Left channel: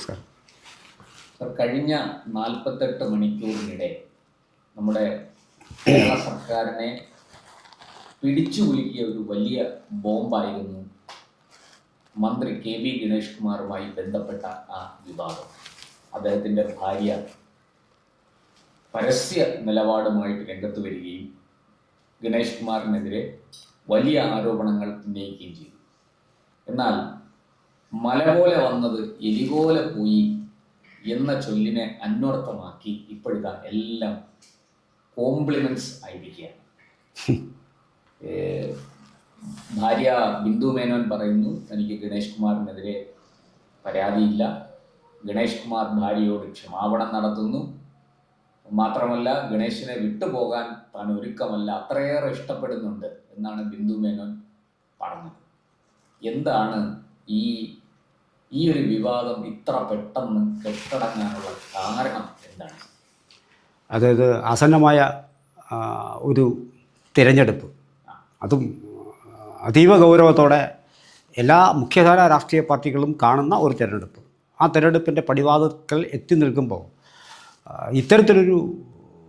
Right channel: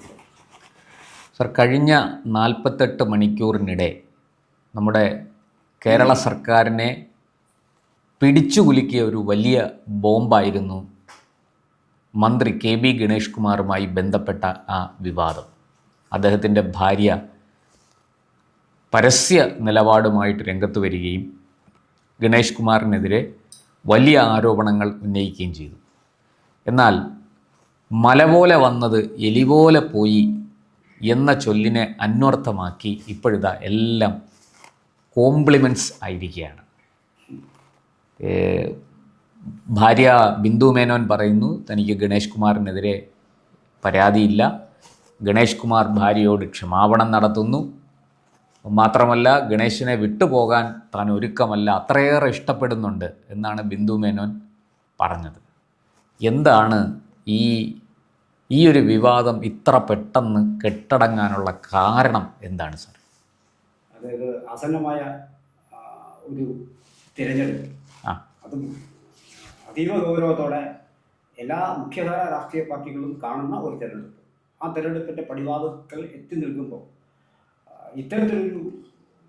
നമസ്കാരം. സർ, കഴിഞ്ഞ 48 മണിക്കൂറിനിടെ നമ്മുടെ കേരള സർക്കാരിനെ പിടിച്ചു കുലുക്കിയ ഒരു വലിയ ബോംബായിരുന്നു മന്ത്രി KB ഗണേഷ് കുമാറുമായി ബന്ധപ്പെട്ട ആ വിവാദം. അദ്ദേഹത്തിൻ്റെ ഭാര്യ പരസ്യ നിലപാടുമായിട്ട് രംഗത്ത് വരികയും ഗണേഷ് കുമാറിനെതിരെ വലിയ ആരോപണങ്ങൾ ഉന്നയിക്കുകയും ചെയ്തു. എന്നാൽ മല പോലെ വന്നത് എലി പോലെ പോയി എന്ന ചൊല്ലിനെ അന്വർത്ഥമാക്കി ഇപ്പോഴിതാ എല്ലാം കോംപ്ലിമെൻറ്റ്സ് ആയിരിക്കുകയാണ്. ഭാര്യ ബിന്ദു മേനോൻ പറയുന്നു തനിക്ക് ഗണേഷ് കുമാറിനെതിരെ പരാതിയില്ല, ഗണേഷ് കുമാർ ഭാര്യയോട് ക്ഷമാപണം നടത്തുന്നു, മാത്രമല്ല ഗണേശിനെ വിട്ടുപോകാൻ താൻ ഒരുക്കമല്ല, അത്രയേറെ ഇഷ്ടപ്പെടുന്നുണ്ട് എന്നാണ് ബിന്ദു മേനോൻ പറഞ്ഞത്. എന്താണ് ഈ ഒരു വിവാദം ഇത്ര പെട്ടെന്ന് കെട്ടടങ്ങാനുള്ള കാരണം എന്താണ് സർ? അതായത് ആസന്നമായ ഒരു തിരഞ്ഞെടുപ്പ്, അതും അതീവ ഗൗരവത്തോടെ എല്ലാ മുഖ്യധാര രാഷ്ട്രീയ പാർട്ടികളും കാണുന്ന ഒരു തിരഞ്ഞെടുപ്പ്. ആ തിരഞ്ഞെടുപ്പിൻ്റെ പടിവാതിൽക്കൽ എത്തി നിൽക്കുമ്പോൾ ഇത്തരത്തിലൊരു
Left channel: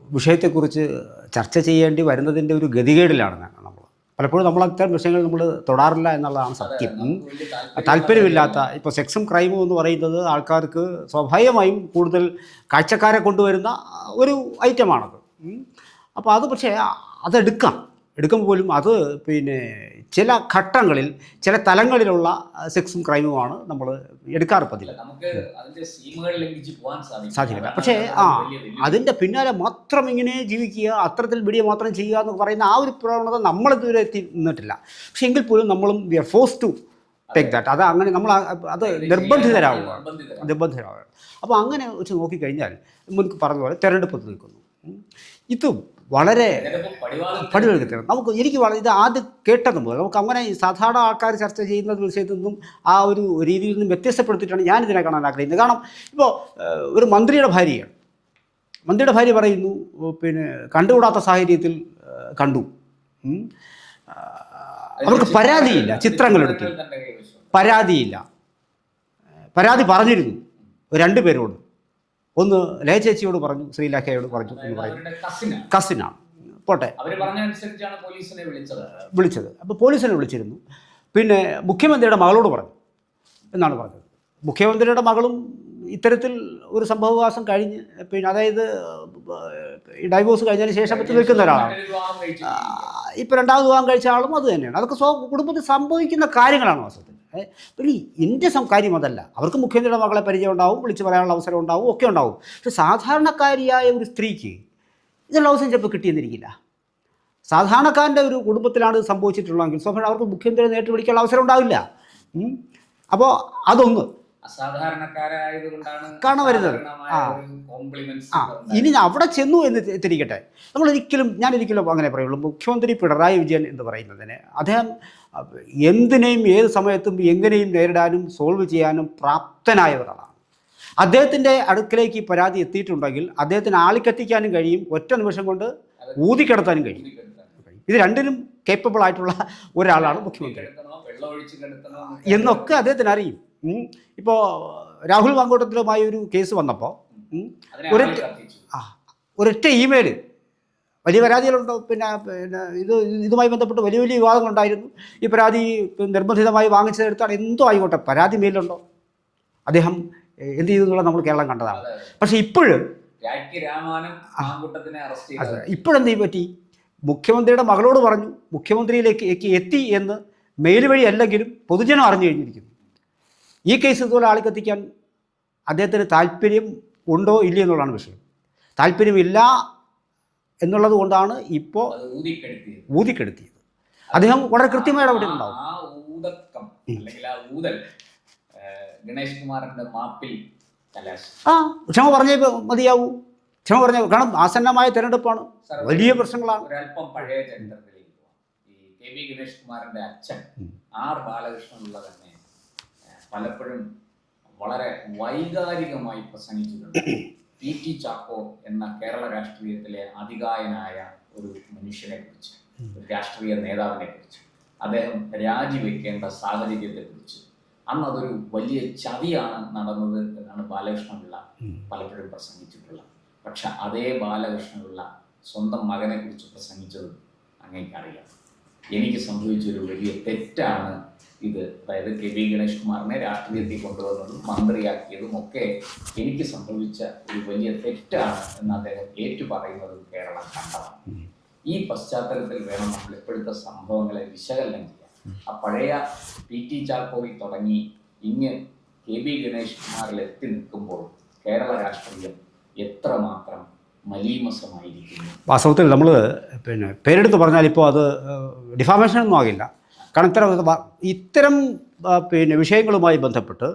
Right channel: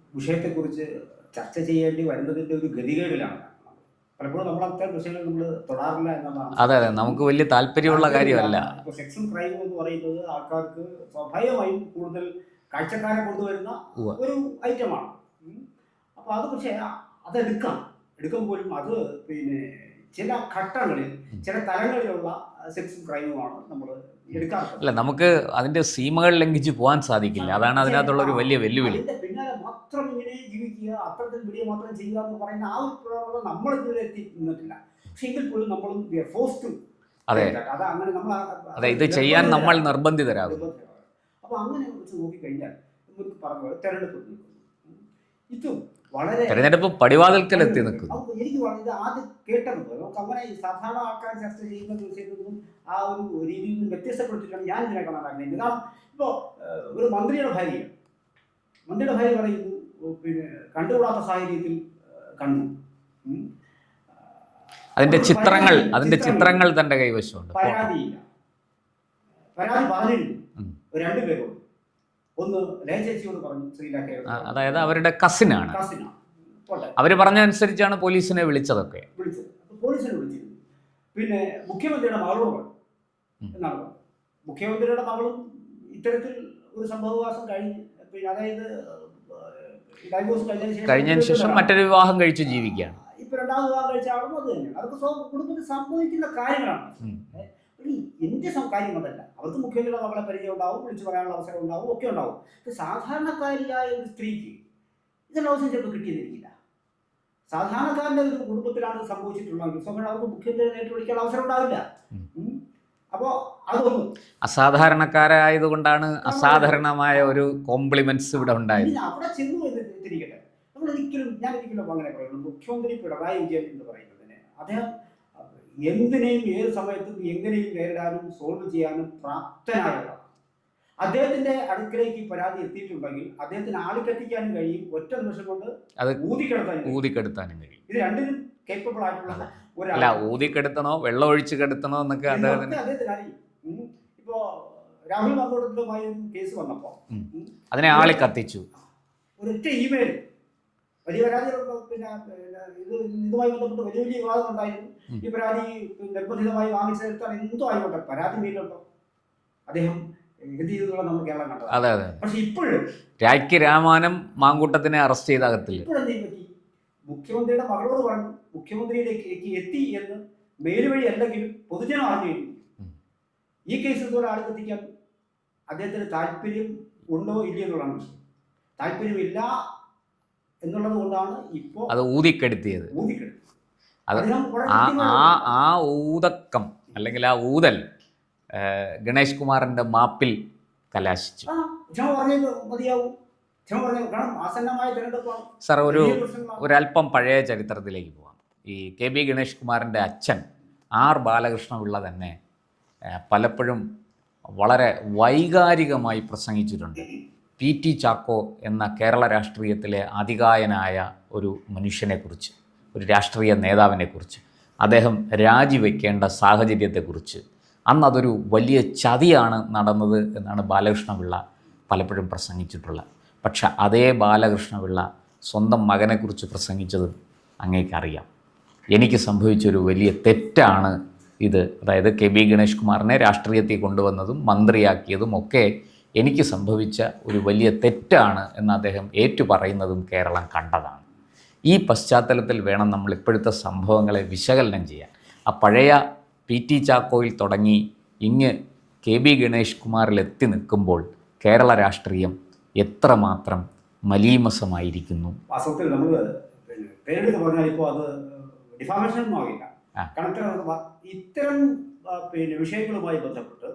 വിഷയത്തെക്കുറിച്ച് ചർച്ച ചെയ്യേണ്ടി വരുന്നതിൻ്റെ ഒരു ഗതികേടിലാണ് നമ്മൾ പലപ്പോഴും അത്തരം വിഷയങ്ങൾ നമ്മൾ തൊടാറില്ല എന്നുള്ളതാണ്. അതെ, നമുക്ക് വലിയ താല്പര്യമില്ലാത്ത ഇപ്പോൾ സെക്സും ക്രൈമും എന്ന് പറയുന്നത് ആൾക്കാർക്ക് സ്വാഭാവികമായും കൂടുതൽ കാഴ്ചക്കാരെ കൊണ്ടുവരുന്ന ഒരു ഐറ്റമാണത്. അപ്പോൾ അത് പക്ഷേ എടുക്കുമ്പോൾ പോലും അത് ചില ഘട്ടങ്ങളിൽ ചില തലങ്ങളിലുള്ള സെക്സും ക്രൈമുമാണ് നമ്മൾ എടുക്കാറില്ല. നമുക്ക് അതിൻ്റെ സീമകൾ ലംഘിച്ച് പോകാൻ സാധിക്കില്ല. അതാണ് വലിയ വെല്ലുവിളി. അതിൻ്റെ പിന്നാലെ മാത്രം ഇങ്ങനെ ജീവിക്കുക, അത്തരത്തിൽ വീഡിയോ മാത്രം ചെയ്യുക എന്ന് പറയുന്ന ആ ഒരു പ്രവണത നമ്മളിതുവരെ എത്തി നിന്നിട്ടില്ല. പക്ഷെ എങ്കിൽ പോലും നമ്മളും we are force to take that. അത് അങ്ങനെ നമ്മൾ നിർബന്ധിതരാണ്. അപ്പോൾ അങ്ങനെ വെച്ച് നോക്കിക്കഴിഞ്ഞാൽ മുൻപ് പറഞ്ഞ പോലെ തെരഞ്ഞെടുപ്പ് നിൽക്കുന്നു. ഇതും വളരെ എനിക്ക് ഇത് ആദ്യം കേട്ടതും പോലെ നമുക്ക് അങ്ങനെ സാധാരണ ആൾക്കാർ ചർച്ച ചെയ്യുന്ന വിഷയത്തിൽ നിന്നും ആ ഒരു രീതിയിൽ നിന്നും വ്യത്യസ്തപ്പെടുത്തിയിട്ടാണ് ഞാനിതിനെ കാണാൻ ആഗ്രഹിക്കുന്നത്. കാരണം ഇപ്പോൾ ഒരു മന്ത്രിയുടെ ഭാര്യ പറയുന്നു കണ്ടുകൂടാത്ത സാഹചര്യത്തിൽ കണ്ടു. പരാതിയില്ല, ചിത്രങ്ങൾ തൻ്റെ കൈവശമുണ്ട്. പരാതി പറഞ്ഞിരുന്നു രണ്ടുപേരോട്. ഒന്ന് ലയ ചേച്ചിയോട് പറഞ്ഞു, ശ്രീലേഖയോട് പറഞ്ഞു. അതായത് അവരുടെ കസിനാണ്. പോട്ടെ, അവർ പറഞ്ഞ അനുസരിച്ചാണ് പോലീസിനെ വിളിച്ചത്. അപ്പോൾ പോലീസിനെ വിളിച്ചിരുന്നു. പിന്നെ മുഖ്യമന്ത്രിയുടെ മകളോട് പറഞ്ഞു എന്നാണ് പറഞ്ഞത്. മുഖ്യമന്ത്രിയുടെ മകളും ഇത്തരത്തിൽ ഒരു സംഭവവാസം കഴിഞ്ഞ് അതായത് ഡൈവോഴ്സ് കഴിഞ്ഞതിന് ശേഷം മറ്റൊരു വിവാഹം കഴിച്ച് ജീവിക്കുക. ഇപ്പോൾ രണ്ടാമത് വിവാഹം കഴിച്ച ആളും അത് തന്നെയാണ്. അതൊക്കെ കുടുംബത്തിൽ സംഭവിക്കുന്ന കാര്യങ്ങളാണ്. പിന്നെ എൻ്റെ കാര്യം അതല്ല. അവർക്ക് മുഖ്യമന്ത്രിയുടെ മകളെ പരിചയം ഉണ്ടാവും, വിളിച്ച് പറയാനുള്ള അവസരം ഉണ്ടാവും, ഒക്കെ ഉണ്ടാവും. പക്ഷെ സാധാരണക്കാരിയായ ഒരു സ്ത്രീക്ക് ഇതിനുള്ള അവസരം ചിലപ്പോൾ കിട്ടിയെന്നിരിക്കില്ല. സാധാരണക്കാരൻ്റെ ഒരു കുടുംബത്തിലാണ് ഇത് സംഭവിച്ചിട്ടുള്ളതെങ്കിൽ സ്വാഭാവികം അവർക്ക് മുഖ്യമന്ത്രിയെ നേരിട്ട് വിളിക്കാനുള്ള അവസരം ഉണ്ടാവില്ല. അപ്പോൾ അതൊന്ന് അസാധാരണക്കാരായതുകൊണ്ടാണ് അസാധാരണമായ ഒരു കോംപ്ലിമെന്റ്സ് ഇവിടെ ഉണ്ടായത്. ഇനി അവിടെ ചെന്നു എന്ന് തിരിക്കട്ടെ, ഞാനൊരിക്കലും അങ്ങനെ പറയുള്ളൂ. മുഖ്യമന്ത്രി പിണറായി വിജയൻ എന്ന് പറയുന്നതിന് അദ്ദേഹം എന്തിനേയും ഏത് സമയത്തും എങ്ങനെയും നേരിടാനും സോൾവ് ചെയ്യാനും പ്രാപ്തനായ ഒരാളാണ്. അദ്ദേഹത്തിൻ്റെ അടുക്കലേക്ക് ഈ പരാതി എത്തിയിട്ടുണ്ടെങ്കിൽ അദ്ദേഹത്തിന് ആളിക്കത്തിക്കാനും കഴിയും, ഒറ്റ നിമിഷം കൊണ്ട് ഊതിക്കെടുത്താനും കഴിയും. ഇത് രണ്ടിനും കേപ്പബിൾ ആയിട്ടുള്ള ഒരാളാണ്. ഊതിക്കെടുത്തണോ വെള്ളം ഒഴിച്ച് കെടുത്തണോ എന്നൊക്കെ അദ്ദേഹത്തിന് അറിയും. ഇപ്പോൾ രാഹുൽ മാങ്കൂട്ടത്തിലുമായി ഒരു കേസ് വന്നപ്പോൾ അതിനെ ആളെ കത്തിച്ചു. ഒരൊറ്റ ഇമെയിൽ, വലിയ പരാതികളുണ്ടോ, പിന്നെ ഇതുമായി ബന്ധപ്പെട്ട് വലിയ വിവാദങ്ങളുണ്ടായിരുന്നു. ഈ പരാതി നിർബന്ധിതമായി വാങ്ങിച്ചതെടുത്താണ്, എന്തോ ആയിക്കോട്ടെ, പരാതി മെയിലുണ്ടോ, അദ്ദേഹം എന്ത് ചെയ്തു എന്നുള്ളത് നമ്മൾ കേരളം കണ്ടതാണ്. പക്ഷെ ഇപ്പോഴും രാമാനം മാങ്കൂട്ടത്തിനെ അറസ്റ്റ് ചെയ്ത ഇപ്പോഴെന്തീ പറ്റി? മുഖ്യമന്ത്രിയുടെ മകളോട് പറഞ്ഞു, മുഖ്യമന്ത്രിയിലേക്ക് എത്തി എന്ന് മെയിൽ വഴി അല്ലെങ്കിലും പൊതുജനം അറിഞ്ഞു കഴിഞ്ഞിരിക്കുന്നു. ഈ കേസ് ഇതുപോലെ ആളിക്കത്തിക്കാൻ അദ്ദേഹത്തിന് താല്പര്യം ഉണ്ടോ ഇല്ല എന്നുള്ളതാണ് വിഷയം. താല്പര്യമില്ല എന്നുള്ളത് കൊണ്ടാണ് ഇപ്പോൾ അത് ഊതിക്കെടുത്തിയത്. അദ്ദേഹം വളരെ കൃത്യമായി ആ ഊതക്കം അല്ലെങ്കിൽ ആ ഊതൽ ഗണേഷ് കുമാറിൻ്റെ മാപ്പിൽ കലാശിച്ചു. ക്ഷമ പറഞ്ഞേ മതിയാവൂ. കാരണം ആസന്നമായ തിരഞ്ഞെടുപ്പാണ്, വലിയ പ്രശ്നങ്ങളാണ്. ഒരല്പം പഴയ ചരിത്രത്തിലേക്ക് പോകാം. ഈ KB ഗണേഷ് കുമാറിൻ്റെ അച്ഛൻ R ബാലകൃഷ്ണപിള്ള തന്നെ പലപ്പോഴും വളരെ വൈകാരികമായി പ്രസംഗിച്ചിട്ടുണ്ട്. PT ചാക്കോ എന്ന കേരള രാഷ്ട്രീയത്തിലെ അതികായനായ ഒരു മനുഷ്യനെക്കുറിച്ച്, ഒരു രാഷ്ട്രീയ നേതാവിനെക്കുറിച്ച്, അദ്ദേഹം രാജിവെക്കേണ്ട സാഹചര്യത്തെക്കുറിച്ച് അന്ന് അതൊരു വലിയ ചതിയാണ് നടന്നത് എന്നാണ് ബാലകൃഷ്ണപിള്ള പലപ്പോഴും പ്രസംഗിച്ചിട്ടുള്ളത്. പക്ഷെ അതേ ബാലകൃഷ്ണപിള്ള സ്വന്തം മകനെക്കുറിച്ച് പ്രസംഗിച്ചതും അങ്ങേക്കറിയാം. എനിക്ക് സംഭവിച്ചൊരു വലിയ തെറ്റാണ് ഇത്. അതായത് KB ഗണേഷ് കുമാറിനെ രാഷ്ട്രീയത്തിൽ കൊണ്ടുവന്നതും മന്ത്രിയാക്കിയതും ഒക്കെ എനിക്ക് സംഭവിച്ച ഒരു വലിയ തെറ്റാണ് എന്ന് അദ്ദേഹം ഏറ്റുപറയുന്നതും കേരളം കണ്ടതാണ്. ഈ പശ്ചാത്തലത്തിൽ വേണം നമ്മൾ ഇപ്പോഴത്തെ സംഭവങ്ങളെ വിശകലനം ചെയ്യാൻ. ആ പഴയ PT ചാക്കോയിൽ തുടങ്ങി ഇങ്ങ് KB ഗണേഷ് കുമാറിൽ എത്തി നിൽക്കുമ്പോൾ കേരള രാഷ്ട്രീയം എത്രമാത്രം മലീമസമായിരിക്കുന്നു. വാസ്തവത്തിൽ നമ്മൾ പേരെടുത്ത് പറഞ്ഞാൽ ഇപ്പോൾ അത് ഡിഫാമേഷൻ ഒന്നും ആകില്ല. കാരണം ഇത്തരം വിഷയങ്ങളുമായി ബന്ധപ്പെട്ട്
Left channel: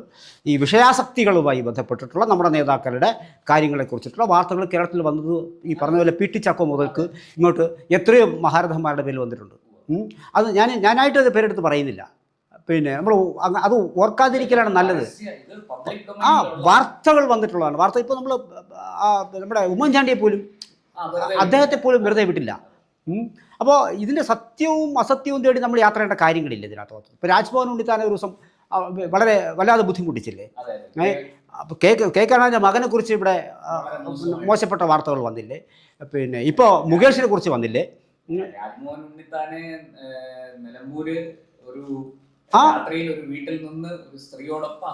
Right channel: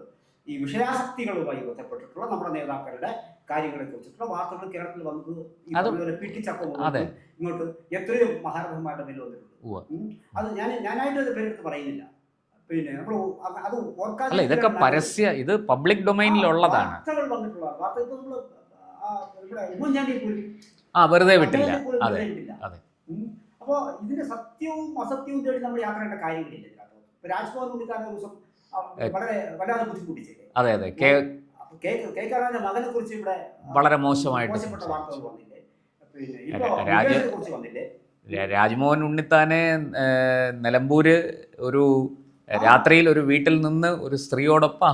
ഈ വിഷയാസക്തികളുമായി ബന്ധപ്പെട്ടിട്ടുള്ള നമ്മുടെ നേതാക്കളുടെ കാര്യങ്ങളെക്കുറിച്ചിട്ടുള്ള വാർത്തകൾ കേരളത്തിൽ വന്നത് ഈ പറഞ്ഞ പോലെ PT ചാക്കോ മുതൽക്ക് ഇങ്ങോട്ട് എത്രയോ മഹാരഥന്മാരുടെ പേരിൽ വന്നിട്ടുണ്ട്. അത് ഞാനായിട്ട് അത് പേരെടുത്ത് പറയുന്നില്ല. നമ്മൾ അത് ഓർക്കാതിരിക്കലാണ് നല്ലത്. ഇത് പബ്ലിക് ഡൊമൈനിലുള്ള വാർത്തകൾ വന്നിട്ടുള്ളതാണ്. വാർത്ത ഇപ്പോൾ നമ്മൾ നമ്മുടെ ഉമ്മൻചാണ്ടിയെ പോലും അദ്ദേഹത്തെ പോലും വെറുതെ വിട്ടില്ല. അപ്പോൾ ഇതിൻ്റെ സത്യവും അസത്യവും തേടി നമ്മൾ യാത്ര ചെയ്യേണ്ട കാര്യങ്ങളില്ല ഇതിനകത്ത്. ഇപ്പോൾ രാജ്ഭവൻ ഉണ്ണിത്താൻ ഒരു ദിവസം വളരെ വല്ലാതെ ബുദ്ധിമുട്ടിച്ചില്ലേ? കെ കരുണാകരൻ്റെ മകനെ കുറിച്ച് ഇവിടെ വളരെ മോശപ്പെട്ട വാർത്തകൾ വന്നില്ലേ? ഇപ്പോൾ മുകേഷിനെ കുറിച്ച് വന്നില്ലേ? രാജ്മോഹൻ ഉണ്ണിത്താനെ നിലമ്പൂര് ഒരു രാത്രിയിൽ ഒരു വീട്ടിൽ നിന്ന് ഒരു സ്ത്രീയോടൊപ്പം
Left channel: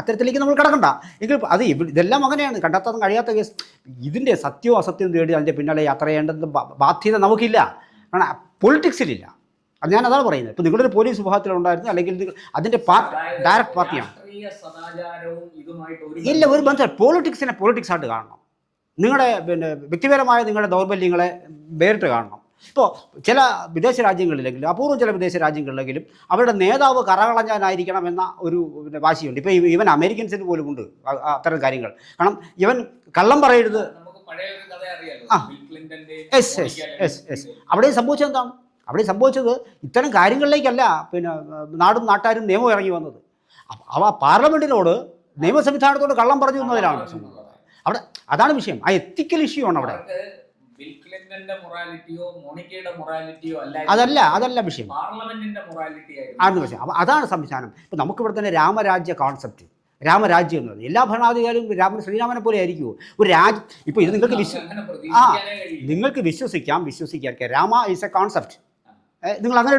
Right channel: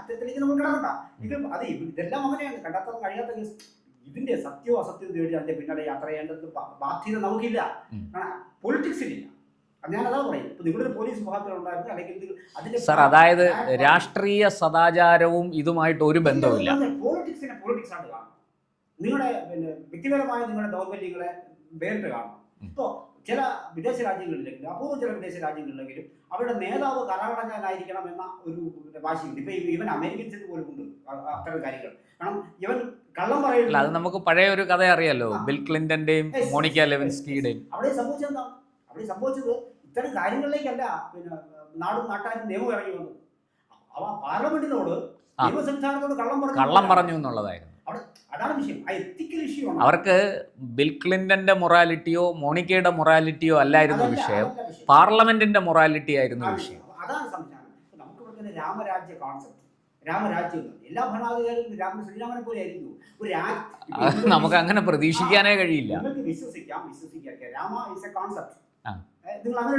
അത്തരത്തിലേക്ക് നമ്മൾ കിടക്കണ്ട എങ്കിൽ അത് ഇതെല്ലാം അങ്ങനെയാണ്. കണ്ടെത്താൻ കഴിയാത്ത കേസ്. ഇതിൻ്റെ സത്യവും അസത്യവും തേടി അതിൻ്റെ പിന്നാലെ യാത്ര ചെയ്യേണ്ടത് ബാധ്യത നമുക്കില്ല. കാരണം പൊളിറ്റിക്സിലില്ല. അത് ഞാൻ അതാണ് പറയുന്നത്. ഇപ്പോൾ നിങ്ങളൊരു പോലീസ് വിഭാഗത്തിലുണ്ടായിരുന്നു അല്ലെങ്കിൽ അതിൻ്റെ അതായത് രാഷ്ട്രീയ സദാചാരവും ഇതുമായിട്ട് ഒരു ബന്ധം പൊളിറ്റിക്സിനെ പൊളിറ്റിക്സ് ആയിട്ട് കാണണം. നിങ്ങളുടെ വ്യക്തിപരമായ നിങ്ങളുടെ ദൗർബല്യങ്ങളെ വേറിട്ട് കാണണം. ഇപ്പോൾ ചില വിദേശ രാജ്യങ്ങളിലെങ്കിലും അപൂർവം ചില വിദേശ രാജ്യങ്ങളിലെങ്കിലും അവരുടെ നേതാവ് കറകളഞ്ഞാനായിരിക്കണം എന്ന ഒരു വാശിയുണ്ട്. ഇപ്പോൾ ഇവൻ അമേരിക്കൻസിന് പോലും ഉണ്ട് അത്തരം കാര്യങ്ങൾ. കാരണം ഇവൻ കള്ളം പറയുന്നത് നമുക്ക് പഴയ ഒരു കഥ അറിയാലോ, ബിൽ ക്ലിന്റന്റെയും അവിടെ സംഭവിച്ചത് എന്താണ്? അവിടെ സംഭവിച്ചത് ഇത്തരം കാര്യങ്ങളിലേക്കല്ല നാടും നാട്ടാരും നിയമം ഇറങ്ങി വന്നത്. അവ പാർലമെന്റിനോട് നിയമ സംവിധാനത്തോട് കള്ളം പറഞ്ഞു എന്നുള്ളതായിരുന്നു അവിടെ. അതാണ് വിഷയം. ആ എത്തിക്കൽ ഇഷ്യൂ ആണ്. അവർക്ക് ബിൽ ക്ലിന്റന്റെ മൊറാലിറ്റിയോ മോണിക്കയുടെ മൊറാലിറ്റിയോ അതല്ല വിഷയം. പാർലമെന്റിന്റെ മൊറാലിറ്റി ആയിരുന്നു. അതാണ് സംവിധാനം. ഇപ്പം നമുക്കിവിടെ തന്നെ രാമരാജ്യ കോൺസെപ്റ്റ്, രാമരാജ്യം എന്ന് പറഞ്ഞാൽ എല്ലാ ഭരണാധികാരികളും ശ്രീരാമനെ പോലെ ആയിരിക്കുമോ? ഒരു രാജ്യം ഇപ്പോൾ നമുക്ക് അങ്ങനെ പ്രതീക്ഷിക്കാനേ കഴിയില്ല. നിങ്ങൾക്ക് വിശ്വസിക്കാം. Rama is A concept. നിങ്ങൾ അങ്ങനെ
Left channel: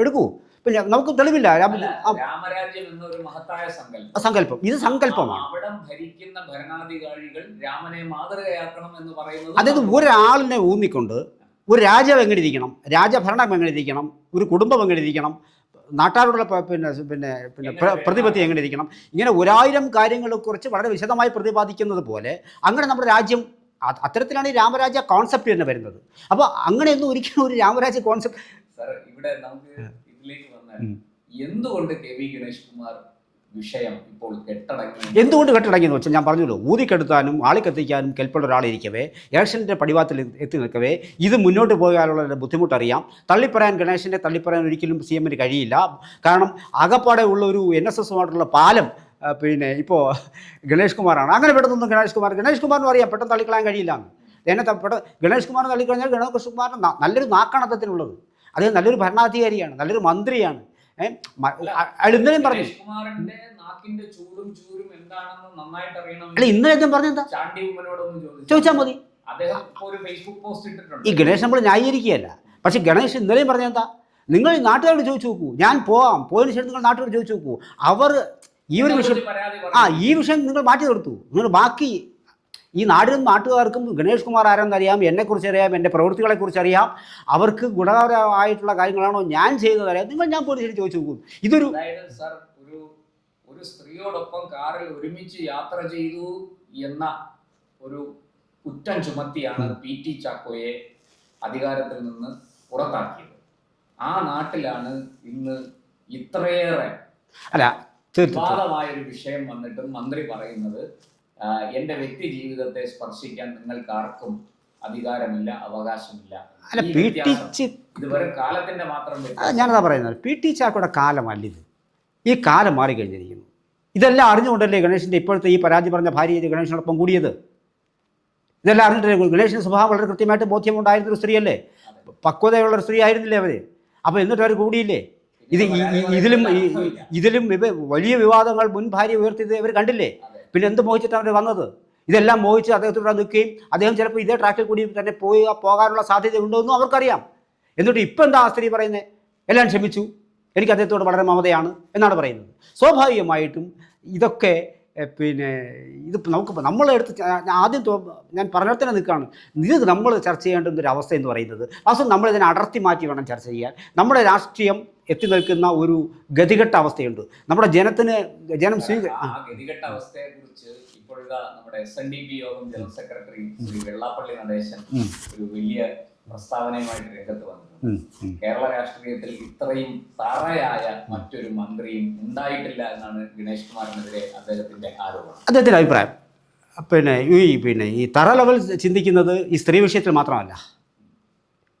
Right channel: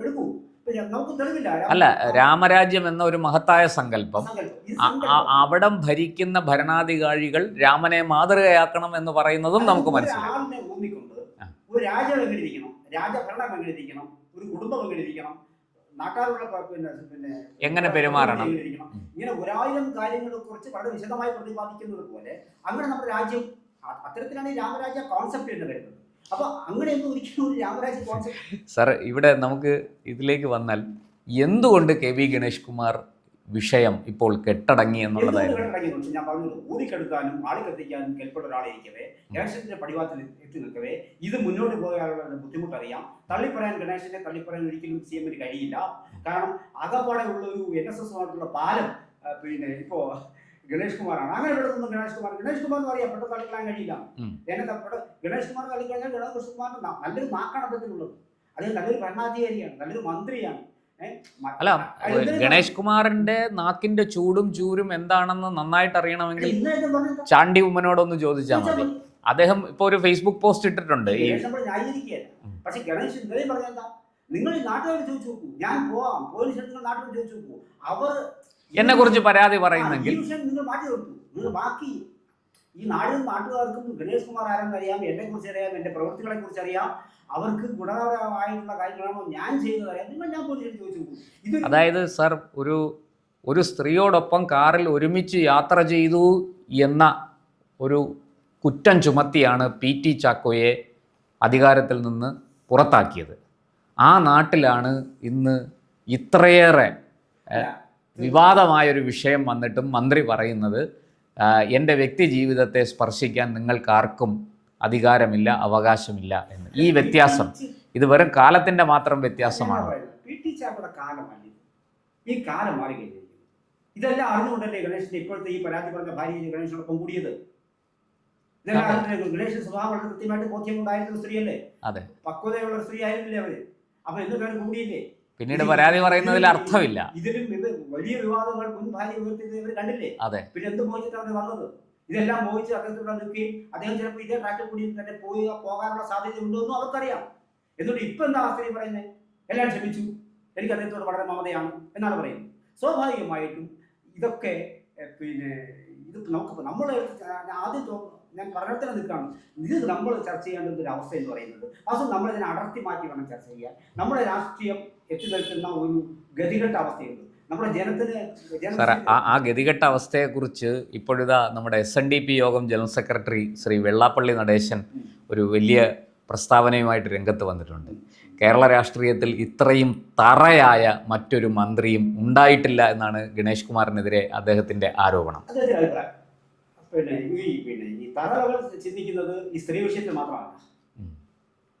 എടുക്കൂ. പിന്നെ നമുക്ക് തെളിവില്ല. അല്ല, രാമരാജ്യം എന്ന ഒരു മഹത്തായ സങ്കല്പം ഇത് സങ്കല്പം. അവിടം ഭരിക്കുന്ന ഭരണാധികാരികൾ രാമനെ മാതൃകയാക്കണം എന്ന് പറയുന്നത് അതായത് ഒരാളിനെ ഊന്നിക്കൊണ്ട് ഒരു രാജ്യം എങ്ങനെ ഇരിക്കണം, രാജഭരണം എങ്ങനെ ഇരിക്കണം, ഒരു കുടുംബം എങ്ങനെ ഇരിക്കണം, നാട്ടാരുടെ പ്രതിപത്തി എങ്ങനെ ഇരിക്കണം, ഇങ്ങനെ 1000 കാര്യങ്ങളെക്കുറിച്ച് വളരെ വിശദമായി പ്രതിപാദിക്കുന്നത് പോലെ അങ്ങനെ നമ്മുടെ രാജ്യം അത്തരത്തിലാണ് ഈ രാമരാജ്യ കോൺസെപ്റ്റ് തന്നെ വരുന്നത്. അപ്പോൾ അങ്ങനെയൊന്നും ഒരിക്കലും ഒരു രാമരാജ്യ കോൺസെപ്റ്റ് സാർ ഇവിടെ നമുക്ക് ഇതിലേക്ക് വന്നാൽ എന്തുകൊണ്ട് KB ഗണേഷ് കുമാർ വിഷയം ഇപ്പോൾ എന്തുകൊണ്ട് കെട്ടടങ്ങിയെന്ന് വെച്ചാൽ ഞാൻ പറഞ്ഞല്ലോ, ഊതിക്കെടുത്താനും ആളിക്കത്തിക്കാനും കെൽപ്പുള്ള ഒരാളിരിക്കവേ ഇലക്ഷൻ്റെ പടിവാത്തിൽ എത്തി നിൽക്കവേ ഇത് മുന്നോട്ട് പോകാനുള്ള ബുദ്ധിമുട്ടറിയാം. ഗണേശനെ തള്ളിപ്പറയാൻ ഒരിക്കലും CM-ന് കഴിയില്ല. കാരണം ആകപ്പാടെ ഉള്ള ഒരു NSSമായിട്ടുള്ള പാലം ഇപ്പോൾ ഗണേഷ് കുമാറാണ്. അങ്ങനെ പെട്ടെന്നൊന്നും ഗണേഷ് കുമാറിനും അറിയാം പെട്ടെന്ന് തള്ളിക്കളയാൻ കഴിയില്ല. ഗണേഷ് കുമാറിനെ തള്ളിക്കളഞ്ഞാൽ ഗണേഷ് കുമാറിന് നല്ലൊരു നാക്കാണത്തത്തിനുള്ളത്. അദ്ദേഹം നല്ലൊരു ഭരണാധികാരിയാണ്, നല്ലൊരു മന്ത്രിയാണ്. ഗണേഷ് കുമാറിന്റെ നാക്കിന്റെ ചൂടും ചൂരും എന്താണെന്ന് നന്നായിട്ട് അറിയണമെങ്കിൽ ഇന്നലെ പറഞ്ഞെന്താ ചാണ്ടി ഉമ്മനോടൊന്ന് ചോദിച്ചാൽ മതി. അദ്ദേഹം ഇപ്പോൾ ഒരു ഫേസ്ബുക്ക് പോസ്റ്റ് ഇട്ടിട്ടുണ്ട്. ഈ ഗണേഷ് നമ്മൾ ന്യായീകരിക്കുകയല്ല. പക്ഷെ ഗണേഷ് ഇന്നലെയും പറഞ്ഞെന്താ, നിങ്ങൾ നാട്ടുകാരോട് ചോദിച്ചു നോക്കൂ, ഞാൻ പോയതിനു ശേഷം നിങ്ങൾ നാട്ടുകാരോട് ചോദിച്ചു നോക്കൂ, അവർ പരാതി ഈ വിഷയം നിങ്ങൾ മാറ്റി നിർത്തൂ. നിങ്ങൾ ബാക്കി ഈ നാടിനും നാട്ടുകാർക്കും ഗണേഷ് കുമാർ ആരെന്നറിയാം, എന്നെക്കുറിച്ച് അറിയാം, എൻ്റെ പ്രവൃത്തികളെക്കുറിച്ച് അറിയാം, അവർക്ക് ഗുണകരമായിട്ടുള്ള കാര്യങ്ങളാണോ ഞാൻ ചെയ്തതറിയാം. ഞാൻ പോലീസിൽ ചോദിച്ചു നോക്കൂ. ഇതൊരു അതായത് സാർ ഒരു സ്ത്രീയോടൊപ്പം കാറിൽ ഒരുമിച്ച് യാത്ര ചെയ്തു എന്ന ഒരു കുറ്റം ചുമത്തിയാണ് PT ചാക്കോയെ അധികാരത്തിൽ നിന്ന് പുറത്താക്കിയത്. ആ നാട്ടിലാണ് ഇന്ന് ഇത്രയേറെ വിവാദമായൊരു വിഷയം വന്നിട്ടും മന്ത്രി പറയുന്നത് എൻ്റെ വ്യക്തി ജീവിതത്തെ സ്പർശിക്കാൻ നിങ്ങൾക്കാർക്കും അധികാരമില്ല, അവകാശമില്ല എന്ന്. ഈ വ്യത്യാസം ഇത് വെറും കാലത്തിൻ്റെ മാത്രം വ്യത്യാസം. ഞാനതാ പറയുന്നത്, PT ചാക്കോയുടെ കാലമല്ല ഇത്. ഈ കാലം മാറിക്കഴിഞ്ഞിരിക്കുന്നു. ഇതെല്ലാം അറിഞ്ഞുകൊണ്ടല്ലേ ഗണേഷിൻ്റെ ഇപ്പോഴത്തെ ഈ പരാതി പറഞ്ഞ ഭാര്യ ഗണേഷിനോടൊപ്പം കൂടിയത്. ഇതെല്ലാം അറിഞ്ഞിട്ട് ഗണേഷിൻ്റെ സ്വഭാവം വളരെ കൃത്യമായിട്ട് ബോധ്യമുണ്ടായിരുന്നൊരു സ്ത്രീയല്ലേ, പക്വതയുള്ളൊരു സ്ത്രീ ആയിരുന്നില്ലേ അവർ? അപ്പോൾ എന്നിട്ട് അവർ കൂടിയില്ലേ? പിന്നീട് പരാതി പറയുന്നതിൽ അർത്ഥമില്ല. ഇതിലും വലിയ വിവാദങ്ങൾ മുൻ ഭാര്യ ഉയർത്തിയത് ഇവർ കണ്ടില്ലേ? അതെ. പിന്നെ എന്ത് മോഹിച്ചിട്ടാണ് അവർ വന്നത്? ഇതെല്ലാം മോഹിച്ച് അദ്ദേഹത്തോടെ നിൽക്കുകയും അദ്ദേഹം ചിലപ്പോൾ ഇതേ ട്രാക്കിൽ കൂടി തന്നെ പോകാനുള്ള സാധ്യത ഉണ്ടോയെന്നും അവർക്കറിയാം. എന്നിട്ട് ഇപ്പം എന്താ ആ സ്ത്രീ പറയുന്നത്? എല്ലാം ക്ഷമിച്ചു, എനിക്ക് അദ്ദേഹത്തോട് വളരെ മമതയാണ് എന്നാണ് പറയുന്നത്. സ്വാഭാവികമായിട്ടും ഇതൊക്കെ പിന്നെ ഇത് നമ്മളെടുത്ത് ആദ്യം ഞാൻ പറഞ്ഞിടത്തന്നെ നിൽക്കുകയാണ്. ഇത് നമ്മൾ ചർച്ച ചെയ്യേണ്ടുന്ന ഒരു അവസ്ഥ എന്ന് പറയുന്നത് വാസ്തവം നമ്മളിതിനെ അടർത്തി മാറ്റി വേണം ചർച്ച ചെയ്യാൻ. നമ്മുടെ രാഷ്ട്രീയം എത്തി നിൽക്കുന്ന ഒരു ഗതികെട്ട അവസ്ഥയുണ്ട്. നമ്മുടെ ആ ഗതികെട്ട അവസ്ഥയെക്കുറിച്ച് ഇപ്പോഴിതാ നമ്മുടെ SNDP യോഗം ജനറൽ സെക്രട്ടറി ശ്രീ വെള്ളാപ്പള്ളി നടേശൻ ഒരു വലിയ പ്രസ്താവനയുമായിട്ട് രംഗത്ത് വന്നിട്ടുണ്ട്. കേരള രാഷ്ട്രീയത്തിൽ ഇത്രയും തറയായ മറ്റൊരു മന്ത്രിയും ഉണ്ടായിട്ടില്ല എന്നാണ് ഗണേഷ് കുമാറിനെതിരെ അദ്ദേഹത്തിൻ്റെ ആരോപണം. അദ്ദേഹത്തിൻ്റെ അഭിപ്രായം ഈ തറ ലെവൽ ചിന്തിക്കുന്നത് ഈ സ്ത്രീ വിഷയത്തിൽ മാത്രമല്ല.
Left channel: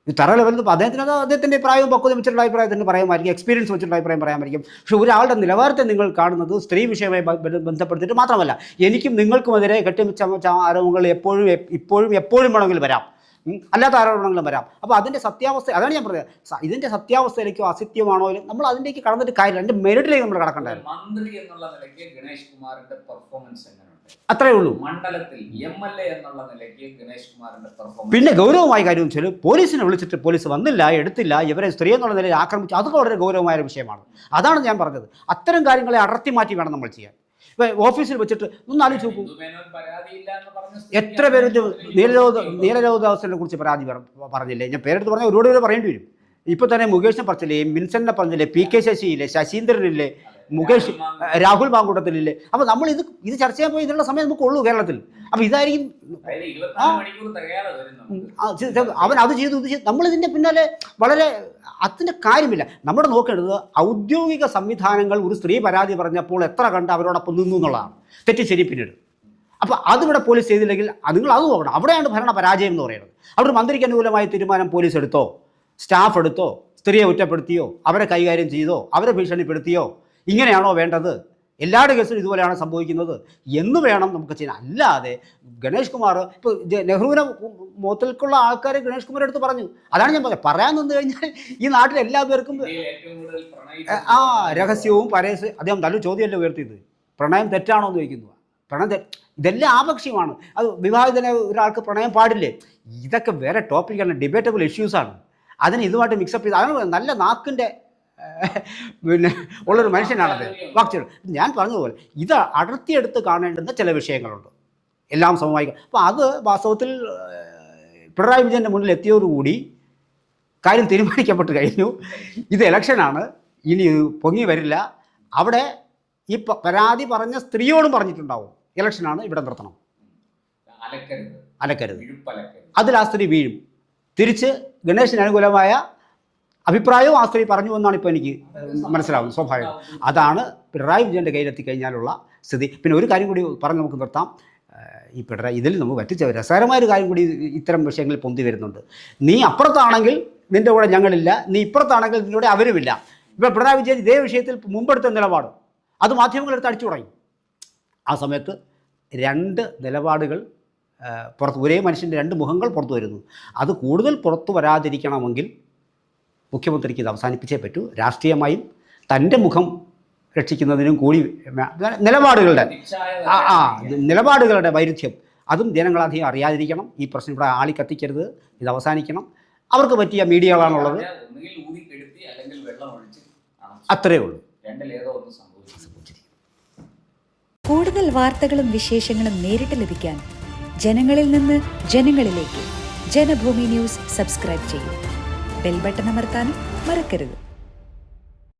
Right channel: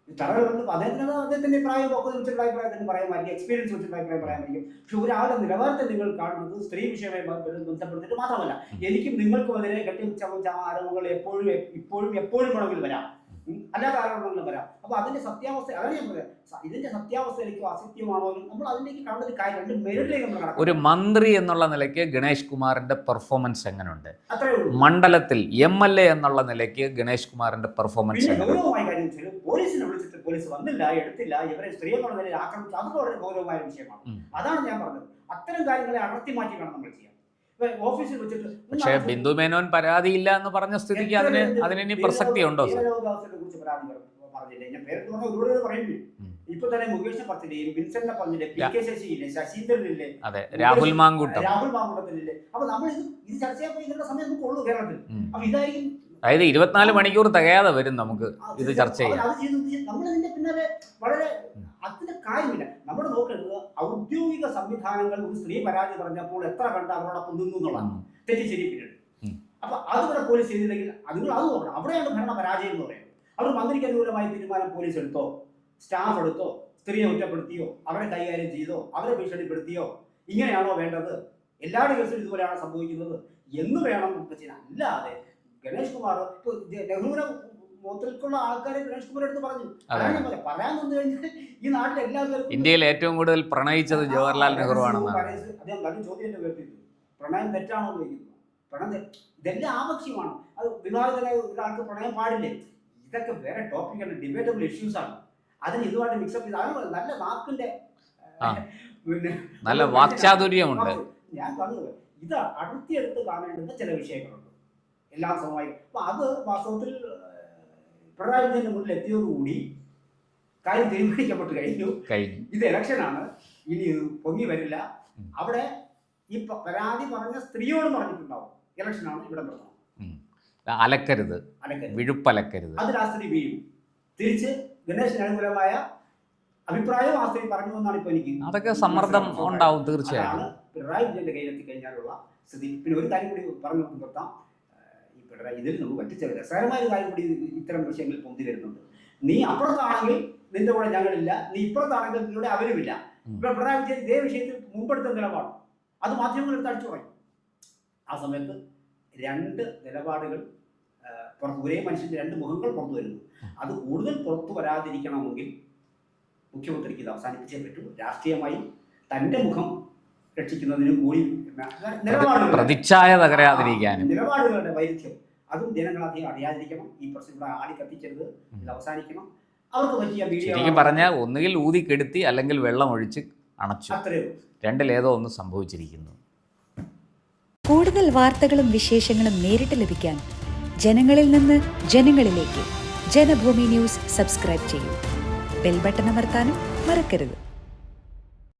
ഈ തറ ലെവൽ അദ്ദേഹത്തിൻ്റെ പ്രായവും പക്വത വെച്ചിട്ടുള്ള അഭിപ്രായത്തിന് പറയാമായിരിക്കും, എക്സ്പീരിയൻസ് വെച്ചിട്ടുള്ള അഭിപ്രായം പറയാമായിരിക്കും. പക്ഷേ ഒരാളുടെ നിലവാരത്തെ നിങ്ങൾ കാണുന്നത് സ്ത്രീ വിഷയവുമായി ബന്ധപ്പെടുത്തിയിട്ട് മാത്രമല്ല. എനിക്കും നിങ്ങൾക്കുമെതിരെ കെട്ടിവെച്ച ആരോപണങ്ങൾ എപ്പോഴും വേണമെങ്കിലും വരാം, അല്ലാത്ത ആരോപണങ്ങളും വരാം. അപ്പോൾ അതിൻ്റെ സത്യാവസ്ഥ, അതാണ് ഞാൻ പറഞ്ഞത്. ഇതിൻ്റെ സത്യാവസ്ഥയിലേക്കോ അസത്യമാണോ നമ്മൾ അതിലേക്ക് കടന്നിട്ട് കാര്യം, അതിൻ്റെ മെറിറ്റിലേക്ക് നമ്മൾ കടക്കണം. ഒരു മന്ത്രി എന്നുള്ള നിലയ്ക്ക് ഗണേഷ് കുമാറിന്റെ പെർഫോമൻസ് എങ്ങനെയുണ്ട്? അത്രേ ഉള്ളൂ. മണ്ഡലത്തിൽ MLA എന്നുള്ള നിലയ്ക്ക് ഗണേഷ് കുമാറിന്റെ പെർഫോമൻസ്. പിന്നെ ഗൗരവമായ കാര്യം വെച്ചാൽ പോലീസിനെ വിളിച്ചിട്ട് പോലീസ് വന്നില്ല, എടുത്തില്ല, ഇവരെ സ്ത്രീ എന്നുള്ള നിലയിൽ ആക്രമിച്ചു. അതൊക്കെ വളരെ ഗൗരവമായ ഒരു വിഷയമാണ്. അതാണ് ഞാൻ പറഞ്ഞത്. അത്തരം കാര്യങ്ങളെ അടർത്തി മാറ്റി വേണം നമ്മൾ ചെയ്യാൻ. ഓഫീസിൽ വെച്ചിട്ട് ബിന്ദു മേനോൻ പരാതിയില്ല എന്ന് പറഞ്ഞ എത്ര പേര് ധീരരോധാവസ്ഥയെ കുറിച്ച് പരാതി പറഞ്ഞില്ലേ? ഞാൻ പേരെടുത്ത് പറഞ്ഞാൽ ഒരുപാട് പേര് പറയേണ്ടി വരും. ഇപ്പൊ തന്നെ മുകേഷിനെ പറഞ്ഞില്ലേ, വിൻസെന്റിനെ പറഞ്ഞില്ലേ, PK ശശിയില്ലേ, ശശീന്ദ്രനില്ലേ, രാഹുൽ മാങ്കൂട്ടത്തിലില്ലേ. അപ്പൊ നമ്മൾ ഇത് ചർച്ച ചെയ്യാൻ പോയി ഇതിനുള്ള സമയം നമുക്ക് ഉള്ളൂ കേരളത്തിൽ. അപ്പൊ ഇതായിരിക്കും 24 മണിക്കൂർ തികയാതെ വരും നമുക്ക്. അവൻ അത് ചെയ്തു നമ്മൾ ഇതിന്റെ പിന്നാലെ വളരെ അതിന്റെ കാര്യമില്ല. നമ്മൾ നോക്കേണ്ടത് ഔദ്യോഗിക സംവിധാനങ്ങൾ ഒരു സ്ത്രീ പരാതി പറഞ്ഞപ്പോൾ എത്ര കണ്ട് അവരോടൊപ്പം നിന്നു എന്നുള്ളതാണ്. തെറ്റി ശരി പിന്നീട്. അപ്പോൾ അതിവിടെ പോലീസ് ചെയ്തില്ലെങ്കിൽ നിങ്ങൾ അത് നോക്കണം. അവിടെയാണ് ഭരണ പരാജയം എന്ന് പറയുന്നത്. അവിടെ മന്ത്രിക്ക് അനുകൂലമായ തീരുമാനം പോലീസ് എടുത്തോ, സ്റ്റാഫ് എടുത്തോ, സ്ത്രീയെ കുറ്റപ്പെടുത്തിയോ, അവരെ കൈകാര്യം ചെയ്തോ, അവരെ ഭീഷണിപ്പെടുത്തിയോ, ഇങ്ങനെയാണോ വേണ്ടത്? എല്ലാവരുടെ കേസിലും ഇതുപോലെയാണ് സംഭവിക്കുന്നത് എന്ന് വേണം നമുക്ക് ചെയ്യാൻ. അല്ലാതെ ഗണേഷ് കുമാർ ഇപ്പോൾ നെഹ്റുവിനെ മുഖത്തിലേക്കുള്ള ആൾക്കാരെ ഗണേഷ് കുമാർ എടുത്ത് പറഞ്ഞു. അതാണ് ഞാൻ പറഞ്ഞത്. പറയാൻ നിന്ന് കഴിഞ്ഞാൽ ഈ നാട്ടിൽ എല്ലാ പേർക്കും ഇന്ത്യയിൽ ഏറ്റവും കൂടുതൽ പ്രണയിച്ചത് രഹസ്യവും പരസ്യം. അദ്ദേഹം നല്ല ചോദ്യമല്ലേ ഉയർത്തിയത്, പ്രണയം തെറ്റാണോ എന്ന് ചോദിക്കുന്നു. പ്രണയം ഇതെല്ലാം ആപക്ഷ്യമാണ്. അത് വിവാഹിതനെ ഒരാൾക്ക് പ്രണയം പാടില്ലേ? ഇതൊക്കെ വേറെ ടോപ്പിക്കാണ്, ഡിബേറ്റബിൾ ഇഷ്യൂസാണ്. അതിന് ഇതുമായിട്ട് മിക്സപ്പ് ചെയ്ത് അതാണ് നല്ല നാക്കിൻ്റെ പിന്നെ ഉള്ളൊരു മനുഷ്യനാണ്. ഞാൻ പറഞ്ഞതുപോലെ ഇത് അടർത്തിയെടുത്ത് കാണേണ്ടുന്ന ചില വിഷയങ്ങളുണ്ട്, എല്ലാം സമവായി. അപ്പോൾ അത് വാസ്തവത്തിൽ പിണറായി വിജയൻ്റെ മുന്നിൽ എത്തിയോടുകൂടി കാര്യം തീരുമാനിക്കപ്പെട്ട് കഴിഞ്ഞു. ഇത് ഇലക്ഷനാണ്, ഇനി പൊങ്ങി വരില്ല. അവിടെ ഈ പരാതി പറഞ്ഞ സ്ത്രീയോടും പറഞ്ഞിട്ടുണ്ടാവും ഇലക്ഷനാണ്, ഇവിടെ നിർത്തണം, അലക്കരുത്, വിഴുപ്പലക്കരുത്. അതിൽ ആ സ്ത്രീ വീഴും. തിരിച്ച് ഗണേഷിന് അനുകൂലമായ അഭിപ്രായവും ആ സ്ത്രീ പറഞ്ഞു എന്നാണ് ഇപ്പോൾ എനിക്ക് മനസ്സിലാവും. സ്വാഭാവികം. അതാണ് പിണറായി വിജയൻ്റെ കയ്യിലെത്തി കഴിഞ്ഞാലുള്ള സ്ഥിതി. പിന്നെ ഒരു കാര്യം കൂടി പറഞ്ഞ് നമുക്ക് നിർത്താം. ഈ പിണറായി ഇതിൽ നമുക്ക് പറ്റിച്ച രസകരമായൊരു കാര്യം കൂടി ഇത്തരം വിഷയങ്ങളിൽ പൊന്തി വരുന്നുണ്ട്. നീ അപ്പുറത്താണെങ്കിൽ നിൻ്റെ കൂടെ ഞങ്ങളില്ല, നീ ഇപ്പുറത്താണെങ്കിൽ നിൻ്റെ കൂടെ അവരുമില്ല. ഇപ്പോൾ പിണറായി വിജയൻ ഇതേ വിഷയത്തിൽ മുമ്പെടുത്ത നിലപാട് അത് മാധ്യമങ്ങളെടുത്ത് അടിച്ചു തുടങ്ങി. ആ സമയത്ത് രണ്ട് നിലപാടുകൾ പുറത്ത്, ഒരേ മനുഷ്യൻ്റെ രണ്ട് മുഖങ്ങൾ പുറത്തു വരുന്നു. അത് കൂടുതൽ പുറത്തു വരാതിരിക്കണമെങ്കിൽ മുഖ്യമന്ത്രിക്ക് ഇത് അവസാനിപ്പിച്ചേ പറ്റൂ. രാഷ്ട്രീയമായും തൻ്റെ മുഖം രക്ഷിക്കുന്നതിനും കൂടി നിലപാടുകളുടെ വൈരുദ്ധ്യം അതും ജനങ്ങളധികം അറിയാതിരിക്കണം. ഈ പ്രശ്നം ഇവിടെ ആളി കത്തിക്കരുത്, ഇത് അവസാനിക്കണം. അവർക്ക് പറ്റിയ മീഡിയകളാണ് പറഞ്ഞാൽ ഒന്നുകിൽ ഊതിക്കെടുത്തി അല്ലെങ്കിൽ വെള്ളം ഒഴിച്ച് അണച്ചു, അത്രേ ഉള്ളൂ. രണ്ടിലേതോ ഒന്ന് സംഭവിച്ചിരിക്കുന്നു. കൂടുതൽ വാർത്തകളും വിശേഷങ്ങളും നേരിട്ട് ലഭിക്കാൻ ജനങ്ങളിൽ നിന്ന് ജനങ്ങളിലേക്ക് ജനഭൂമി ന്യൂസ് സബ്സ്ക്രൈബ് ചെയ്യൂ. ബെൽ ബട്ടൺ അമർത്താനും മറക്കരുത്.